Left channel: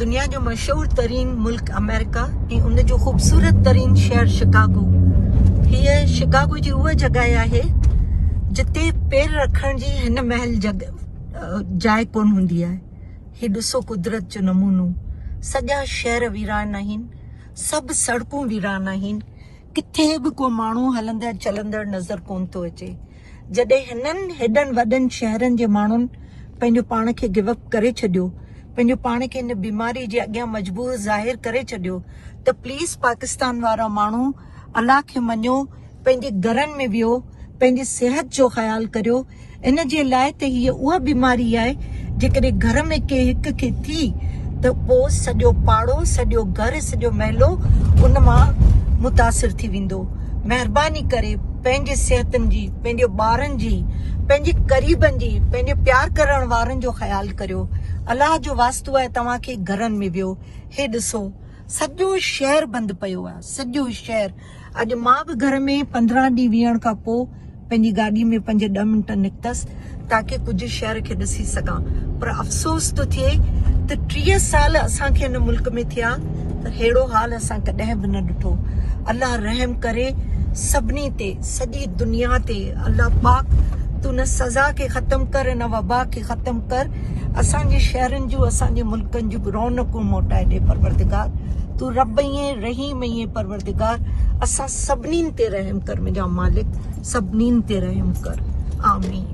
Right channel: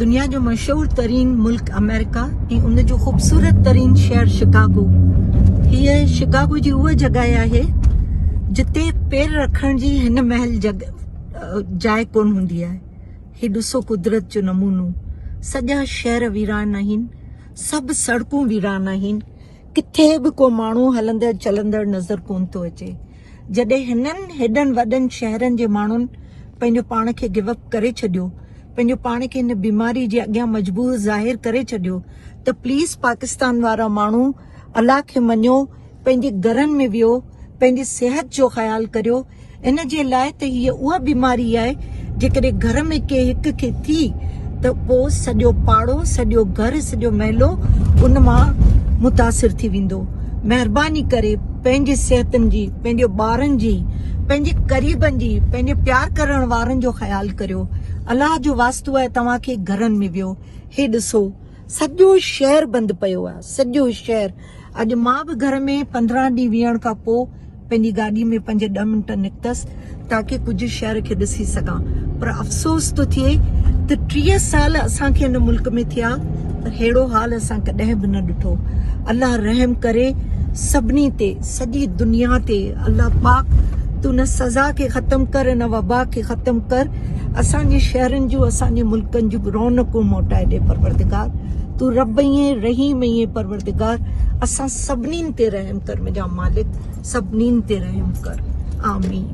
दुनिया जो मशहूर तरीन मुल्क अमेरिका ऐं उन जो ख़ूबसूरत तरीन शहर शिकागो। हीअ शिकागो जी उहा जॻह आहे जिते पेर रखण जी हिन महल जाइ कोन हूंदी आहे। हीउ ॾिसो कुदरत जो नमूनो। सॼा शहर वीरान आहिनि, सभु सड़कूं वीरान आहिनि, किथे बि को माण्हू हलंदड़ चलंदड़ नज़र कोन थो अचे। जॾहिं हिननि हेॾनि वॾनि शहरनि जे माण्हुनि पंहिंजो पाण खे गिवअप करे छॾियो, पंहिंजो पाण खे हिन बीमारी जे अॻियां मजबूर ज़ाहिर करे छॾियो, त प्लीज़ पाकिस्तान वारा माण्हू अलाह खे मञो, पंहिंजे घरनि में वियो, पंहिंजी सिहत जो ख़्यालु करियो। इन जे लाइ त हीअ उहा बीमारी आहे जेकॾहिं घर में के हिक खे थी त पोइ सॼो पाड़ो, सॼो घर, सॼो महलो उन मां मुतासिर थी वेंदो। महिरबानी करे पंहिंजी सिहतनि जी, पंहिंजे ॿारनि जी, पंहिंजे क़रीबनि जी, पंहिंजे प्यार करण वारनि जो ख़्यालु करियो। अलाह जो वास्तो आहे तव्हांखे घरनि में वियो। हे ॾिसो सॼो शहर बंदि पियो आहे, सॼो शहर। अॼु मां बि घर में 15 ॾींहं विहण खां पोइ पंहिंजी गाॾी में 5-10 मिंट निकितसि ताकी कुझु शहर खे ॾिसी सघां। पर अफ़सोस थो थिए त 30 साल असांखे हिन मुल्क में थिया, पर अहिड़ो हाल असां कॾहिं बि न ॾिठो। अलाह रहम करे सभिनी ते, सॼी दुनिया ते। अलाह पाक तूं न सज़ा खे ख़तमु कर, न वबा खे ख़तमु कर। असांजे शहरनि जूं, असांजे मुल्कनि जूं रौनकूं मोटाए ॾे परवरदिगार। तूं रब ईं रहीम ईं परवरदिगार। असां सभिनीनि ते रहम कर मुंहिंजा मालिक, सभिनीनि ते रहम कर। आमीन।